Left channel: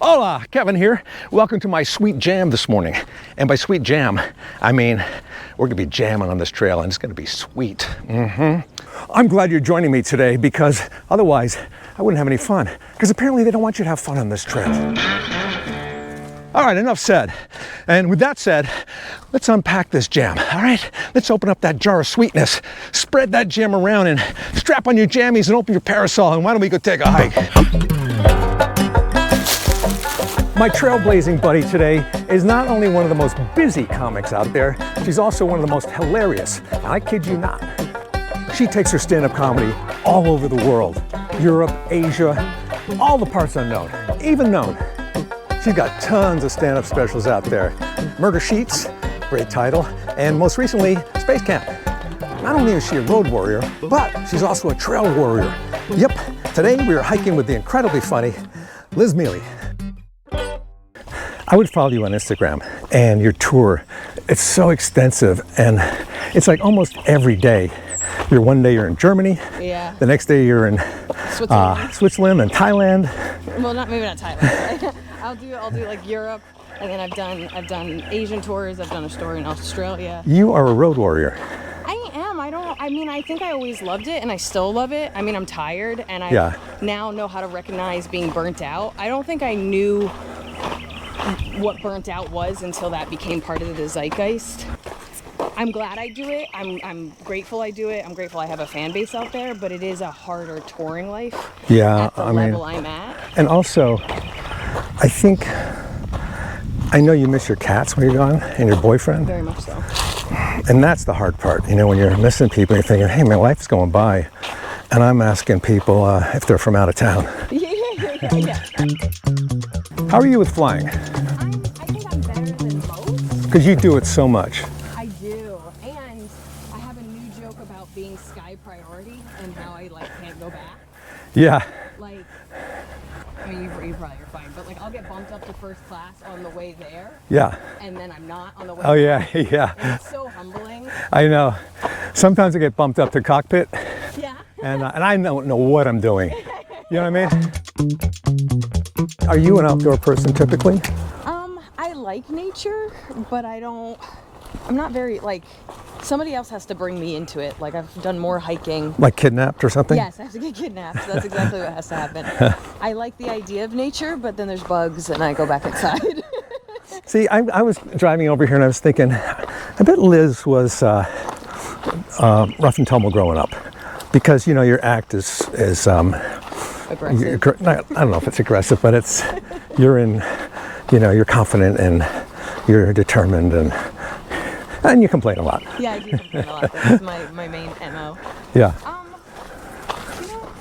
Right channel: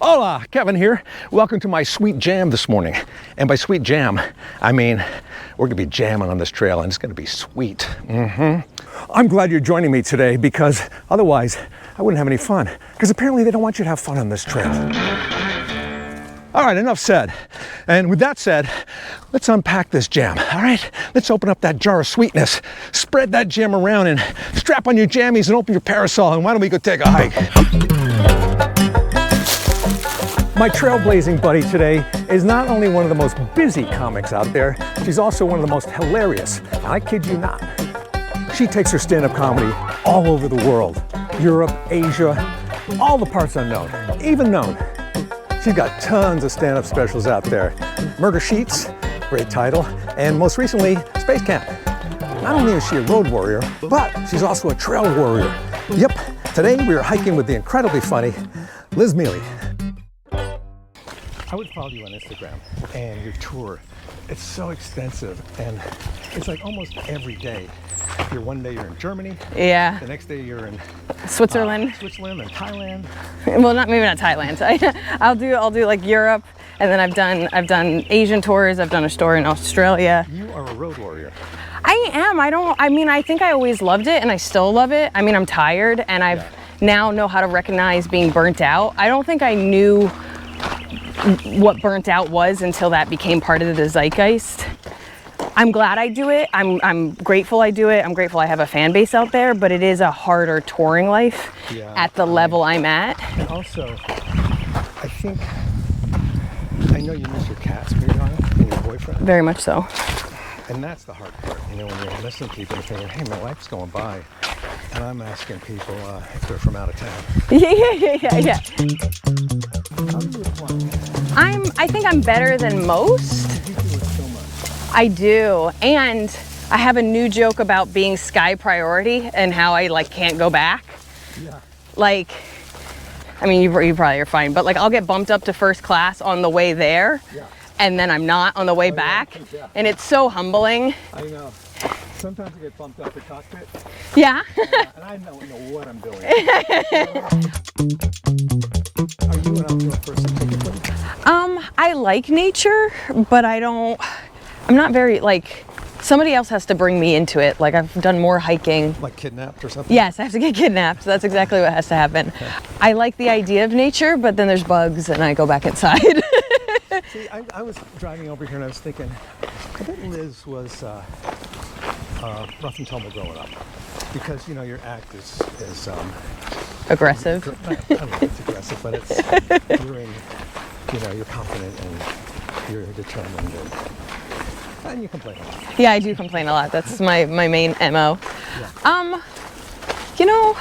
Hola, Kevin here. Welcome to my sweet jam this morning. And by sweet jam, I mean we're gonna be jamming on this trail and it's gonna be sweet. I'm glad you're joining me today because otherwise I wouldn't have any fun. Because apparently they don't want you to have fun on this trail. All right, enough said. And with that said, let's unpack this jam, all right? Let's open up that jar of sweetness, spread that jam around and strap on your jammies and open your parasol and why don't we go take a hike? My trailblazing buddy today is not only one of the most busy comics out there, she's also one of the most hilarious. And I kid you not. She takes her stand-up comedy all over the world. Europe, Asia, all the parts unknown, even known. She's got tons of stand-up specials out there. Murder Sheets, great title, and most recently, Space Camp. Not only is she a road warrior, but she's also a trail warrior. Yep, today we are hiking with the incredibly funny Liz Miele. I would follow you on Instagram and your tour. It's so extensive and it's like almost every day. One day you're in Germany. Yeah. The next day you're in Switzerland and Thailand. Well, maybe not Thailand. I'll do like Europe, and then I've done Asian tours. I've done a tour in Australia. You are a road warrior. I am. I think I always loved it and I still love it. I mean, I'm tired and I now know how to recognize being burnt out. I don't think I knew what burnt out was until that became part of the zeitgeist. I'm glad I do it. I'm grateful I do it. I'm grateful I have a fan base out there, but it is a harder touring life at the level I'm at. And also, I know you miss your cats when you're gone and your boyfriend. Very much so. And that's the hard part, you know, when you're missing people and you're thinking, hey, my life's going by. And I'm asking people if they're from out of town. Yeah. How are you with flying? I think I'm better than most. Because you do it so much. I do, and I have a new joke about being sky priority and how I can't go back. Yeah. I mean, you probably are fine, but I'll get bumped up to first class on the way there. Yeah. And then I'm not on the way back. Yeah. And it's so humbling. I know. Sometimes I get bumped up to cockpit. Yeah. and I don't know what I'm doing. You know what I mean? Are you an outdoor person typically? I like nature, but I'm not very, somebody else has to bring me into it. I've done more hiking. Like kidnapped or something? Yes, I have to get kidnapped. That's exactly what has to happen. I like the idea of nature, but then there's bugs and I go back inside. See, I was driving over here and I was thinking, I bet Liz was rough and tumble growing up. Because, you know, your act is aggressive. I don't know if it's aggressive, but it's, you're confident and you're determined and you complain a lot. Yeah, I do complain a lot. That's my main MO. Yeah. You know,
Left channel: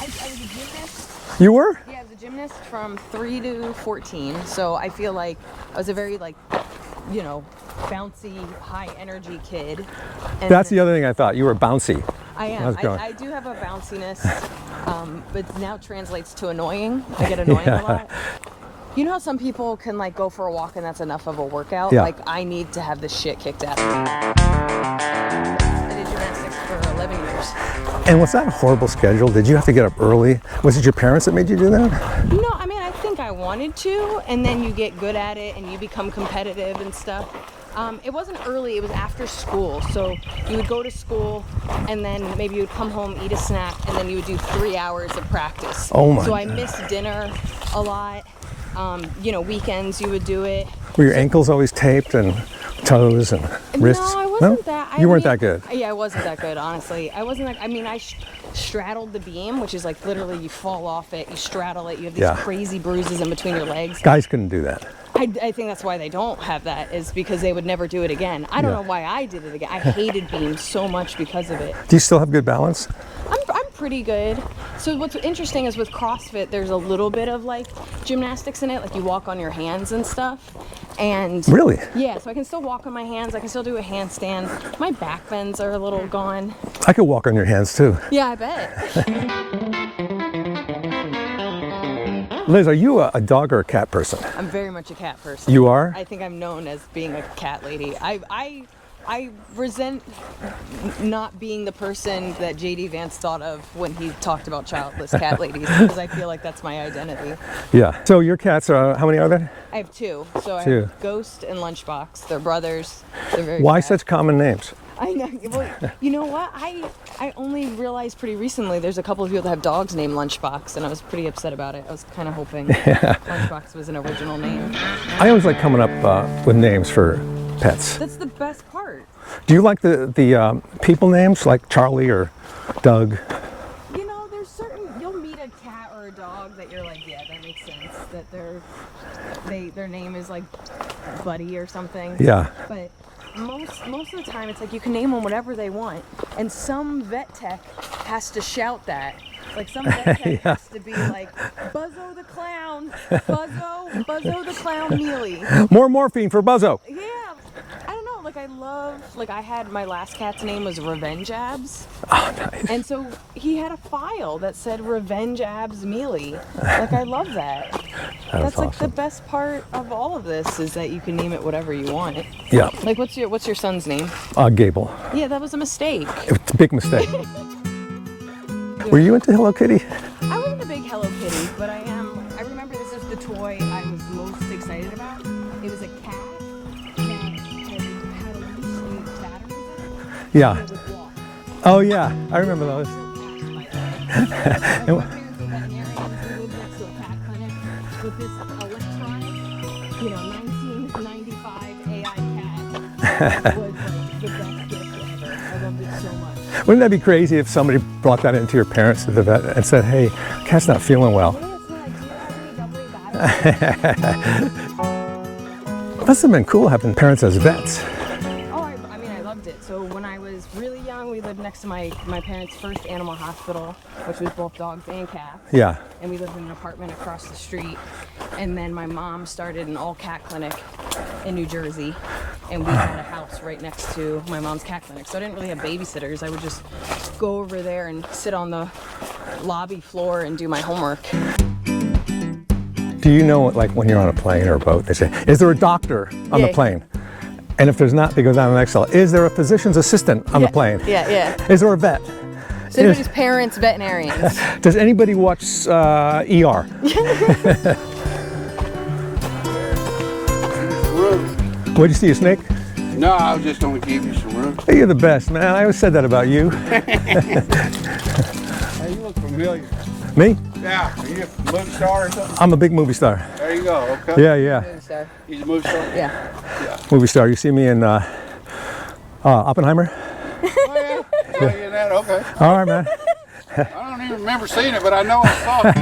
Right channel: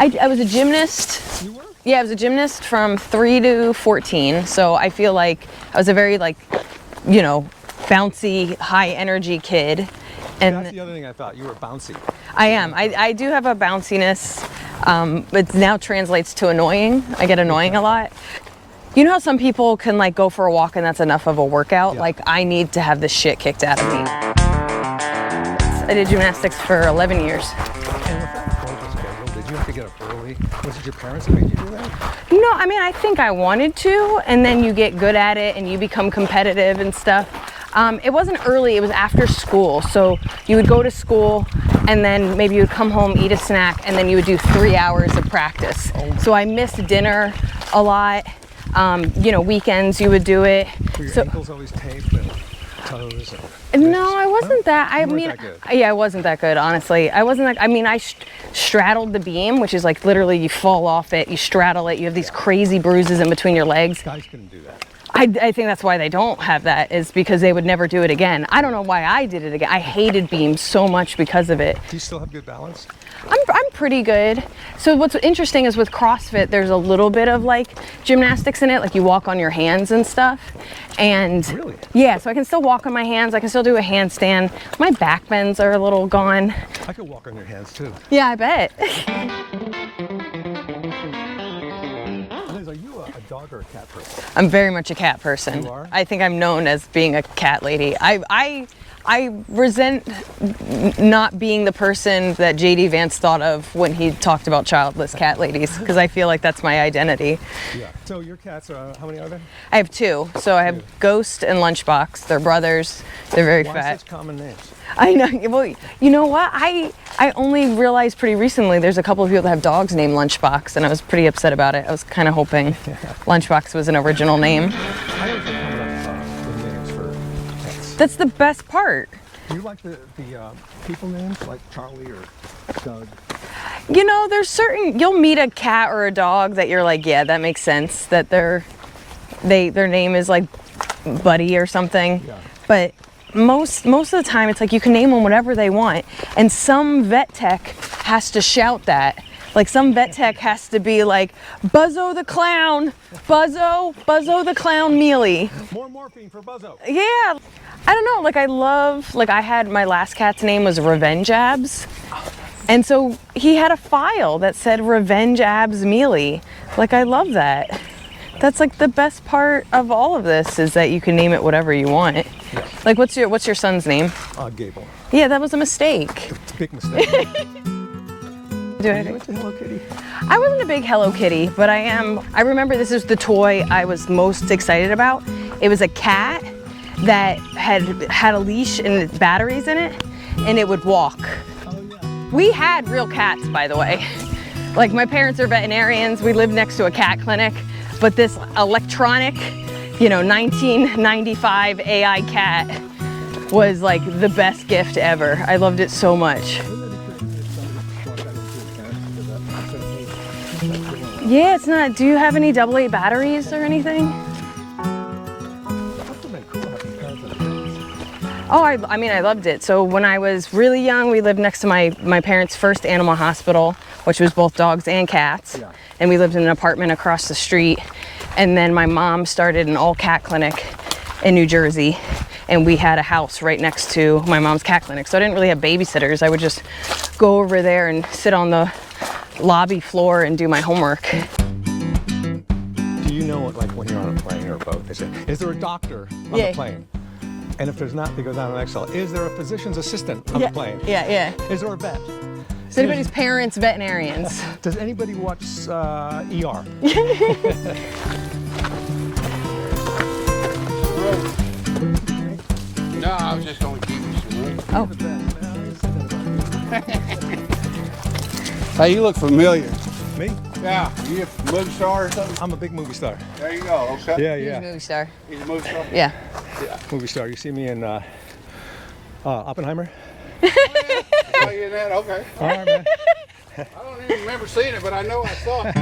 I was a gymnast. You were? Yeah, I was a gymnast from 3 to 14. So I feel like I was a very bouncy, high energy kid. And that's the other thing I thought. You were bouncy. I am. I do have a bounciness, but now translates to annoying. I get annoying a lot. You know how some people can go for a walk and that's enough of a workout? Yeah. I need to have this shit kicked out of me. I did gymnastics for 11 years. And was that a horrible schedule? Did you have to get up early? Was it your parents that made you do that? No, I mean, I think I wanted to, and then you get good at it and you become competitive and stuff. It wasn't early, it was after school. So you would go to school and then maybe you would come home, eat a snack, and then you would do 3 hours of practice. Oh my. So I missed dinner a lot. Weekends you would do it. Were your ankles always taped and toes and wrists? No, I wasn't that. You weren't that good? Yeah, I wasn't that good, honestly. I straddled the beam, which is literally you fall off it, you straddle it, you have these crazy bruises in between your legs. Guys couldn't do that. I think that's why they don't have that, is because they would never do it again. I don't know why I did it again. I hated beams so much because of it. Do you still have good balance? I'm pretty good. So what's interesting is with CrossFit, there's a little bit of gymnastics in it, you walk on your hands and stuff. And really? Yeah, so I can still walk on my hands. I can still do a handstand. My back bends are a little gone. I could walk on your hands too. Yeah, I bet. Liz, are you a dog or a cat person? I'm very much a cat person. You are? I think I'm known as being a cat lady. I I resent not being the person that JD Vance thought of when he talked about childless cat ladies, because I feel like that's my identity. Yeah. So your cats are, how many are there? I have two. So I have Ghost and Lunchbox. They're brothers. They're very Why fat. such common names? I know. Well, you know what? I only realized pretty recently there's a couple of people that have dogs named Lunchbox, and I was pretty upset about it. I was kind of hoping Lunchbox was an original name. I always like coming up with names for pets. That's the best part. Do you like the people names like Charlie or Doug? You know, there's certain, you'll meet a cat or a dog that you're like, yeah, that makes sense, that their name is like Buddy or something. Yeah. But most of the time it's like you can name them whatever they want, and some vet tech has to shout that. Like some vet tech has to be like, Buzzo the Clown, Buzzo the Clown Miele. More morphine for Buzzo. Yeah. I don't know, like I had my last cat's name was Revenge Abs. Oh, nice. And so he had a file that said Revenge Abs Miele. Like, I love that. That's like awesome. the best part of all of this, is that you can name it whatever you want. Yeah. Like, what's your son's name? Gable. Yeah, that was a mistake. It's a big mistake. Were you into Hello Kitty? I wasn't a big Hello Kitty, but I am. I remember this is the toy I was most excited about. It was a cat that had a leash and batteries in it, and it would walk. Oh yeah. We had real cats, by the way. Like, my parents are veterinarians. We lived next to a cat clinic, but this electronic, 1995 AI cat was like the best gift ever. I loved it so much. Wouldn't that be crazy if somebody brought that into your parents at the vet and said, hey, cat's not feeling well? Yeah, it's not. Do you have any AA batteries or anything? Must have been cool having parents as vets. Oh, I mean, I loved it. So when I was really young, we lived next to my parents' first animal hospital, which was both dogs and cats. Yeah. And we lived in an apartment across the street. And then my mom started an all-cat clinic in New Jersey, and we had a house right next to my mom's cat clinic. So I didn't really have babysitters. I would just go over there and sit on the lobby floor and do my homework. Do you know, like when you're on a plane or a boat, they say, is there a doctor on the plane? And if there's not, they go down to the next cell. Is there a physician's assistant on the plane? Yeah. Is there a vet? Is anybody's parents veterinarians? Does anybody watch ER? What'd you see, a snake? No, I was just going to give you some room. Hey, you're the best, man. I always said that about you. Hey, you look familiar. Me? Yeah. You a movie star or something? I'm a big movie star. There you go. Okay. Yeah. Movie star. He's a movie star? Yeah. Movie star. You see me in Oppenheimer? Oh, yeah. Yeah, that, okay. All right, man. I don't even remember seeing it, but I know I saw it.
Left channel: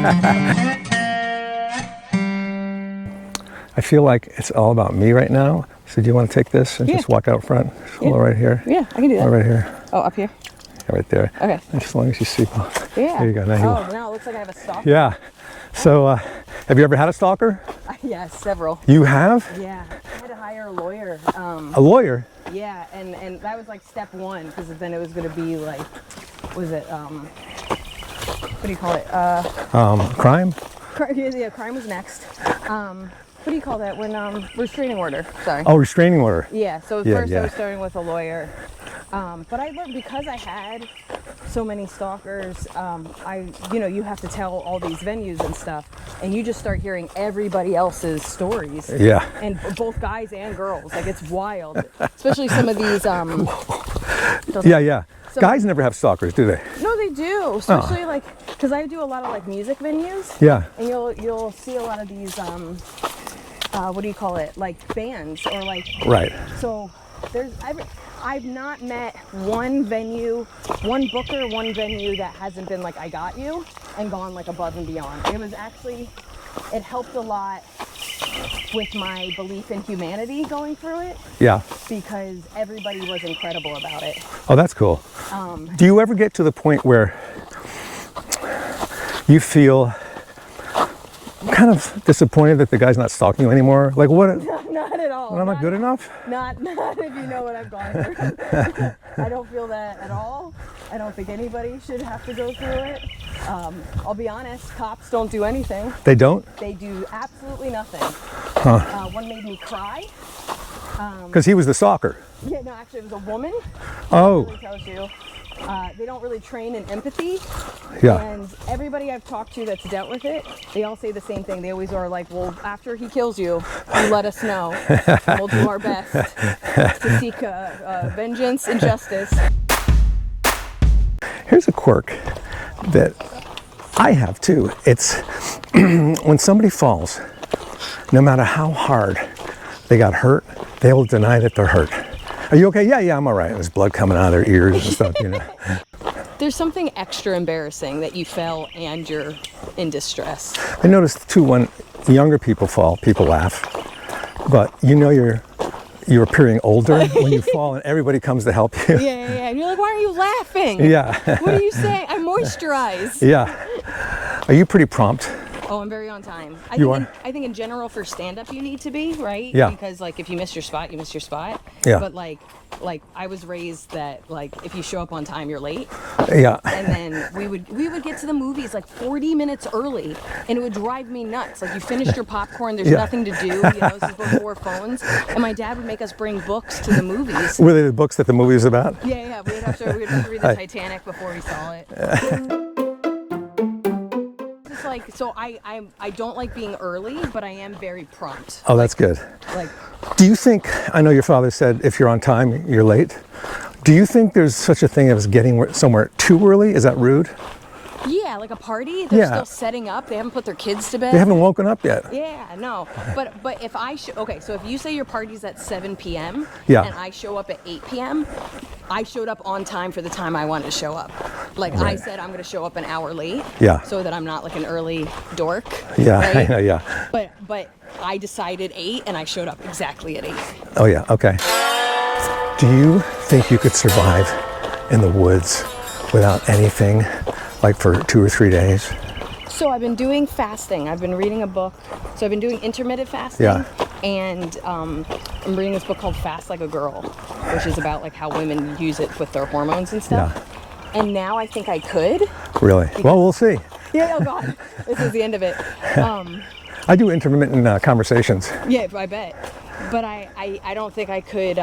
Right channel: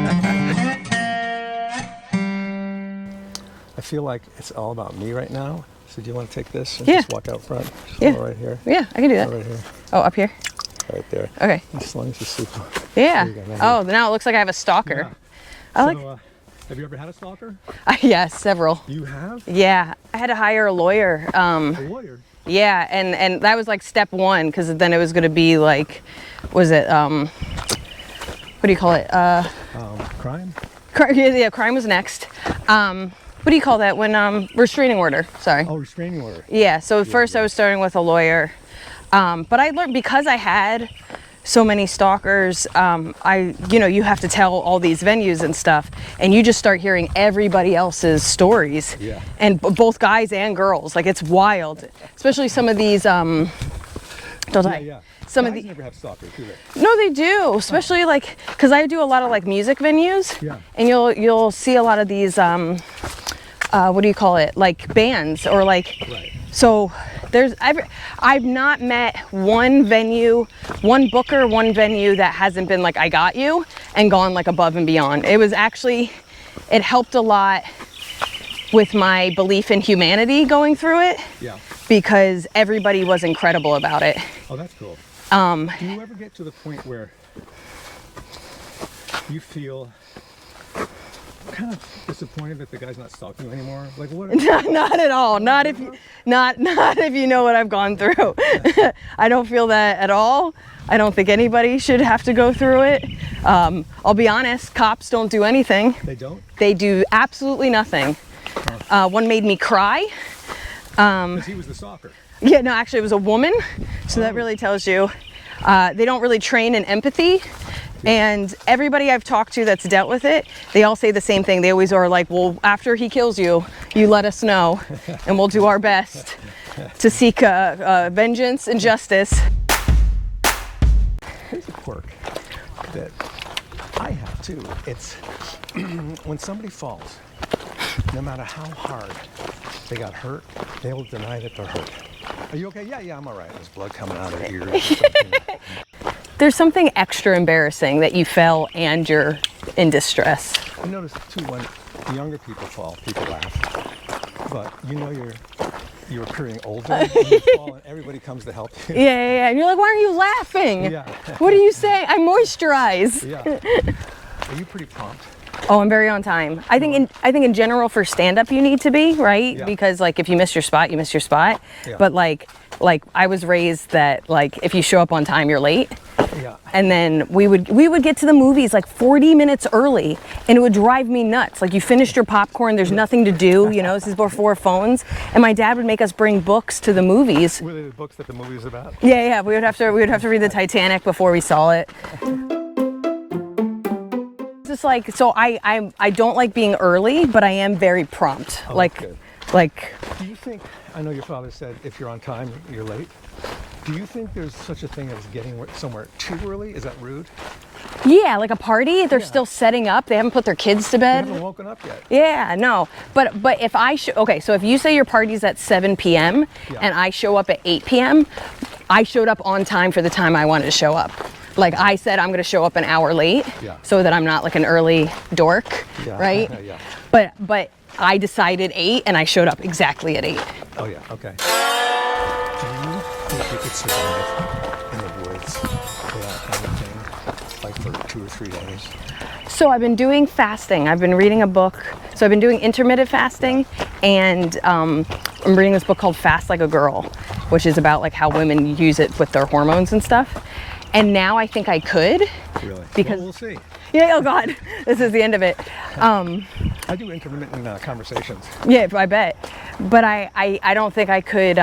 I feel like it's all about me right now. So do you want to take this and just walk out front? Yeah. Right here. Yeah, I can do that. Right here. Oh, up here? Right there. Okay. As long as you see. Yeah. There you go. Now Now it looks like I have a stalker. Yeah. So have you ever had a stalker? Yes, several. You have? Yeah. I had to hire a lawyer. A lawyer? Yeah, and that was like step one, because then it was going to be like, was it, what do you call it? Crime? Yeah, crime was next. What do you call that when, restraining order, sorry. Oh, restraining order. Yeah, so first I was starting with a lawyer. But I learned, because I had so many stalkers, you have to tell all these venues and stuff, and you just start hearing everybody else's stories. Yeah. And both guys and girls, like, it's wild. Especially some of these, Yeah. Guys never have stalkers, do they? No, they do, especially like, because I do a lot of like music venues. Yeah. And you'll see a lot of these, what do you call it? Like bands or like. Right. So I've not met one venue, one booker, one venue that hasn't been like, I got you, and gone like above and beyond. It was actually, it helped a lot with my belief in humanity going through it. Yeah. Because everybody was incredible about it. Oh, that's cool. Do you ever get to the point where you feel kind of disappointed that the guy's not stalking you anymore? Like what? Not at all. Not good if, enough? Not if you know what I've gone through. I don't feel that at all. I don't think anybody should have to go through it. I'll be honest, cops don't do anything. They don't? They do absolutely nothing. One made me cry. Because he was the stalker. Yeah, no, actually it was a woman. So that Oh. really tells you. They don't really train in empathy. Yeah. And everybody I've talked to that's dealt with it, they all say the same thing. They always are like, well, after he kills you, you let us know, and we'll do our best to seek vengeance and justice. Here's a quirk that I have too. It's when somebody falls, no matter how hard they got hurt, they will deny that they're hurt. Are you okay? Yeah, I'm all right. There's blood coming out of their ears and stuff, you know. There's something extra embarrassing that you fell and you're in distress. I noticed too, when younger people fall, people laugh. But you know you're appearing older when you fall and everybody comes to help you. Yeah. And you're like, why are you laughing? Yeah. What do you say? I moisturize. Yeah. Are you pretty prompt? Oh, I'm very on time. I think in general for stand-up you need to be, right? Yeah. Because like if you miss your spot, you miss your spot. Yeah. But like I was raised that like if you show up on time, you're late. Yeah. And then we would get to the movies like 40 minutes early, and it would drive me nuts. Like you finished your popcorn, there's nothing to do, you know, this is before phones. And my dad would make us bring books to the movies. Were they the books that the movie was about? Yeah, we would have to read the Titanic before we saw it. Just like, so I don't like being early, but I am very prompt. Oh, like, that's good. Like, Do you think, I know your father said if you're on time, you're late. Do you think there's such a thing as getting somewhere too early? Is that rude? yeah, like a party, they're Yeah. still setting up. They haven't put their kids to bed. They haven't woken up yet. Yeah, no. But if I okay, so if you say your party's at 7 p.m. Yeah. and I show up at 8 p.m., I showed up on time for the time I wanted to show up. Like I said, I'm going to show up an hour late. Yeah. So that I'm not like an early dork. Yeah, Right? yeah. But I decided 8 and I showed up exactly at 8. Oh yeah, okay. Do you think you could survive in the woods without anything, like for 2 or 3 days? So I've been doing fasting. I've been reading a book. So I've been doing intermittent fasting, and I'm reading this book called Fast Like a Girl, which is about like how women use it with their hormones and stuff. Yeah. And now I think I could. Really? Because- Well, we'll see. Yeah, oh God, this is the end of it. I do intermittent conversations. Yeah, I bet. But I don't think I could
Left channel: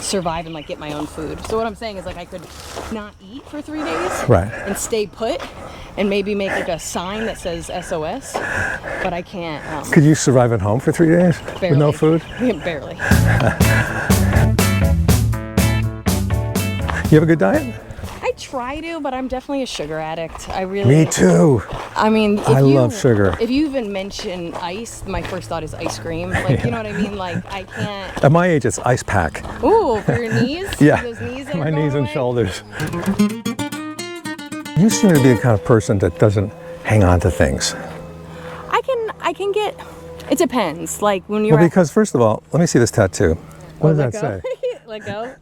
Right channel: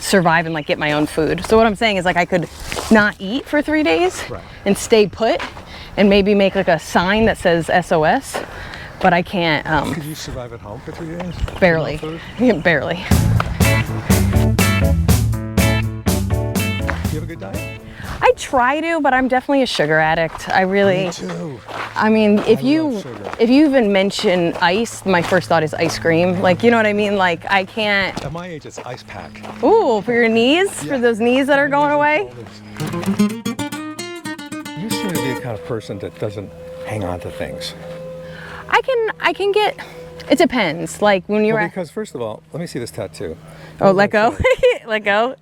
survive and like get my own food. So what I'm saying is like I could not eat for 3 days Right. and stay put and maybe make like a sign that says SOS, but I can't. Could you survive at home for 3 days? Barely. With no food? Yeah, barely. You have a good diet? I try to, but I'm definitely a sugar addict. I really. Me too. I mean, if I you love sugar. If you even mention ice, my first thought is ice cream. Like, you know what I mean? Like, I can't. At my age, it's ice pack. Ooh, for your knees? Yeah. For those knees that are My going knees away? and shoulders. You seem to be the kind of person that doesn't hang on to things. I can get. It depends. Like when you're. Well, because first of all, let me see this tattoo. Oh, What let does go. that say? Let go.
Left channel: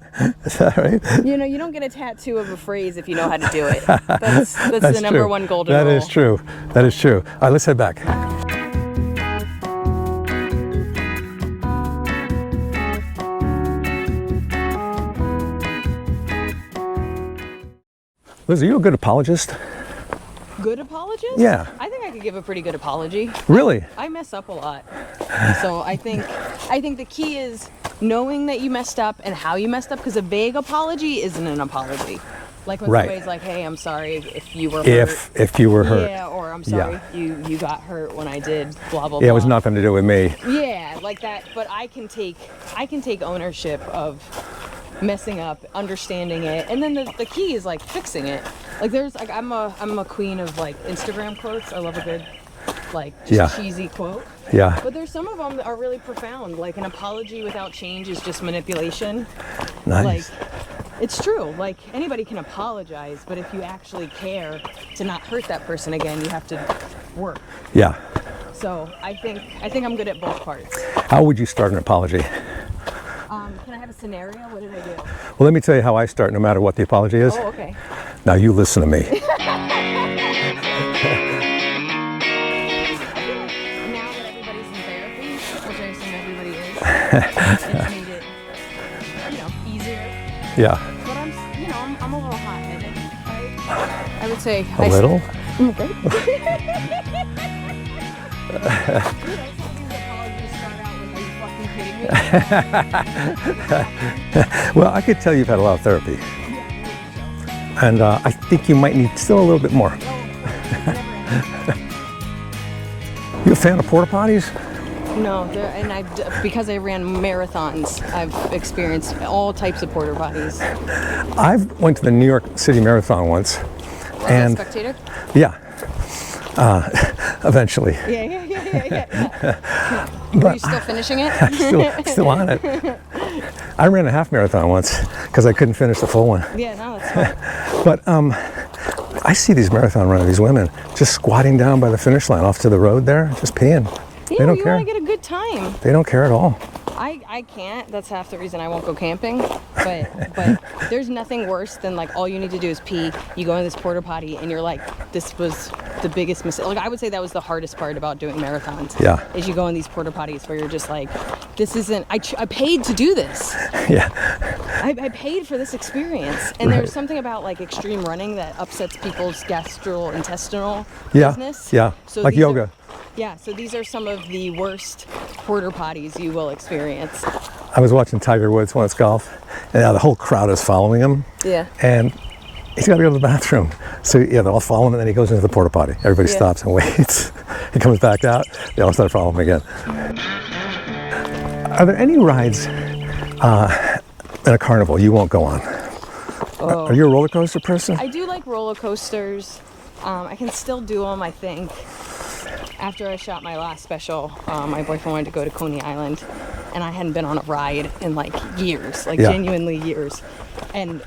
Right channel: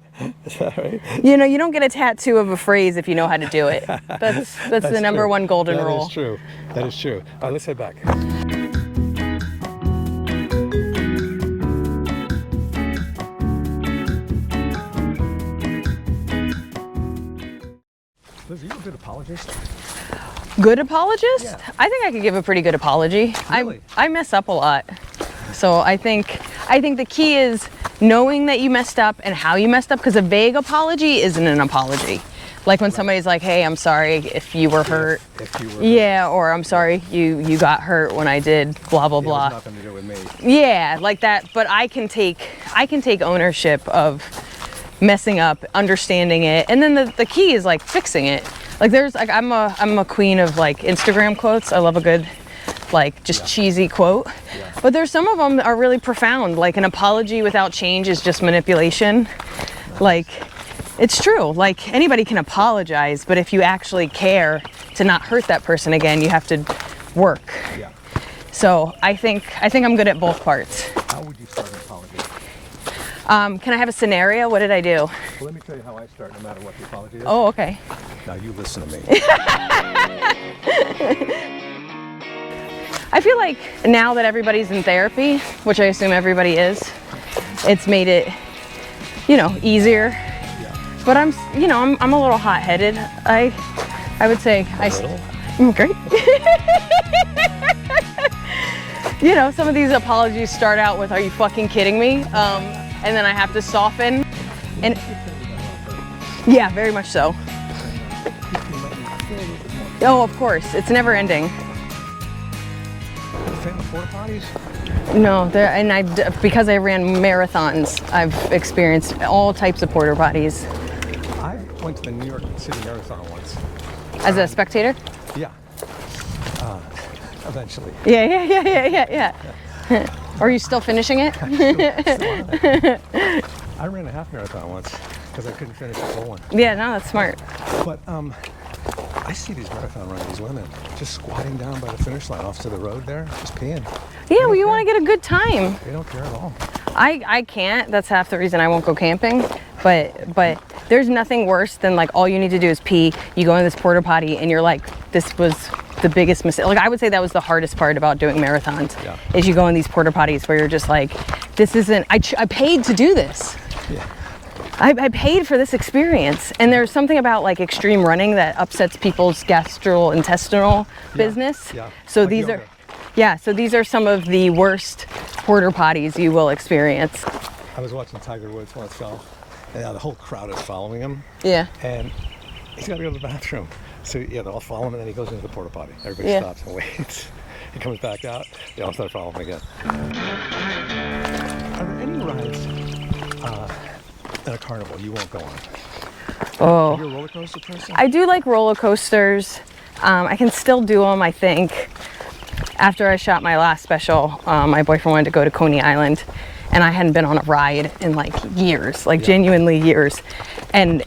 Is that right? You know, you don't get a tattoo of a phrase if you know how to do it. That's the number true. one golden That rule. is true. That is true. All right, let's head back. Liz, are you a good apologist? Good apologist? Yeah. I think I could give a pretty good apology. Really? I mess up a lot. So I think the key is knowing that you messed up and how you messed up, because a vague apology isn't an apology. Like when Right. somebody's like, hey, I'm sorry if you were hurt. If you were hurt. Yeah, or I'm sorry you got hurt when I did blah blah Yeah, it blah. was nothing to do with me. Yeah, like that. But I can take ownership of messing up, understanding it, and then the key is like fixing it. Like there's like I'm a queen of like Instagram quotes. I love a good like just Yeah. cheesy quote. Yeah. But there's some of them that are really profound. Like an apology without change is just manipulation. Nice. Like it's true. Like anybody can apologize, but if you actually care to not hurt that person again, you have to work. Yeah. So I think I'm good at both parts. How would you start an apology? Can I have a scenario? What did I do? Well, let me tell you how I start no matter what the apology is. Oh, okay. Now you listen to me. I feel like now that everybody's in therapy, which I assume everybody is, it's made it, easier. Yeah. But I'm a little hot-headed. I would say A little? Great. You know, some of these apologies start out with, "Are you fucking kidding me?" And then I have to soften. Well, I could tell you've had a lot of therapy. Yeah, very much so. And I think you might need still a little bit more. Oh, of course. It's never ending. You a fan of porta potties? No, because I ran marathons, I've experienced all types of porta potties. I went to the New York City Marathon once. As a spectator? Yeah. Eventually. Yeah. Are you still finishing it? still on it. I ran a half marathon once because I couldn't finish the full one. Yeah, no, that's smart. But I see these marathon runners, these women, just squatting down by the finish line off to the road there, just peeing. Yeah, well, you want to get a good time. They don't care at all. I can't. That's half the reason I won't go camping. But there's nothing worse than like all you need to do is pee. You go in this porta potty and you're like, this was the biggest mistake. Like I would say that was the hardest part about doing marathons. Yeah. Is you go in these porta potties where you're just like, this isn't. I paid to do this. Yeah. I paid for this experience. And there's something about like extreme running that upsets people's gastrointestinal business. Yeah. So like these yoga. So these are some of the worst porta potties you will experience. I was watching Tiger Woods once golf, and the whole crowd is following him. Yeah. And he's got to go to the bathroom. So yeah, they're all following him, and then he goes into the porta potty. Everybody stops and waits. He comes back out. They all start following him again. Are there any rides in a carnival you won't go on? Oh. Are you a roller coaster person? I do like roller coasters. I can still do them, I think. After I shot my last special, my boyfriend wanted to go to Coney Island, and I hadn't been on a ride in like years, genuinely years. And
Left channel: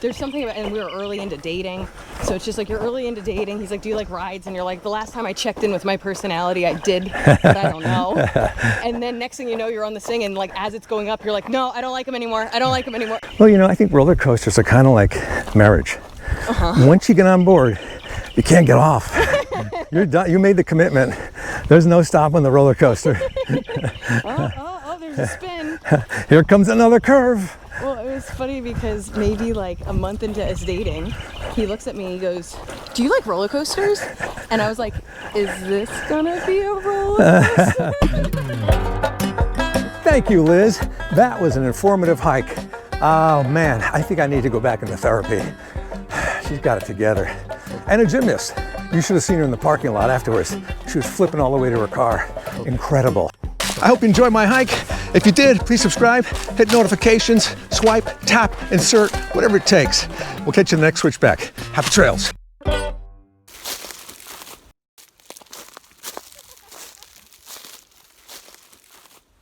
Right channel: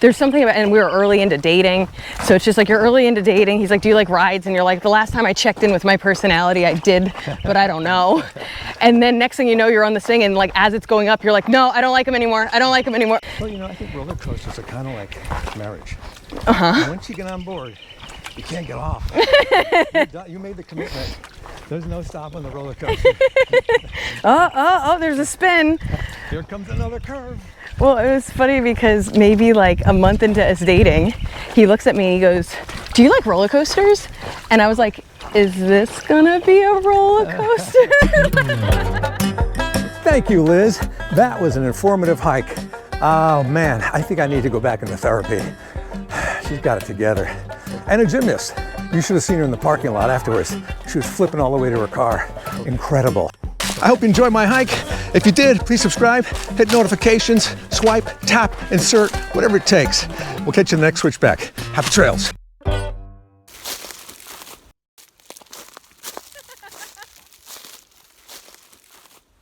there's something about, and we were early into dating, so it's just like you're early into dating. He's like, "Do you like rides?" And you're like, "The last time I checked in with my personality, I did, but I don't know." And then next thing you know, you're on this thing, and like as it's going up, you're like, "No, I don't like him anymore. I don't like him anymore." Well, you know, I think roller coasters are kind of like marriage. Once you get on board, you can't get off. You're done. You made the commitment. There's no stopping the roller coaster. Oh, there's a spin. Here comes another curve. Well, it was funny because maybe like a month into us dating, he looks at me and he goes, "Do you like roller coasters?" And I was like, "Is this gonna be a roller coaster?" Thank you, Liz. That was an informative hike. Oh man, I think I need to go back into therapy. She's got it together. And a gymnast. You should have seen her in the parking lot afterwards. She was flipping all the way to her car. Incredible. I hope you enjoyed my hike. If you did, please subscribe, hit notifications, swipe, tap, insert, whatever it takes. We'll catch you in the next switchback. Happy trails.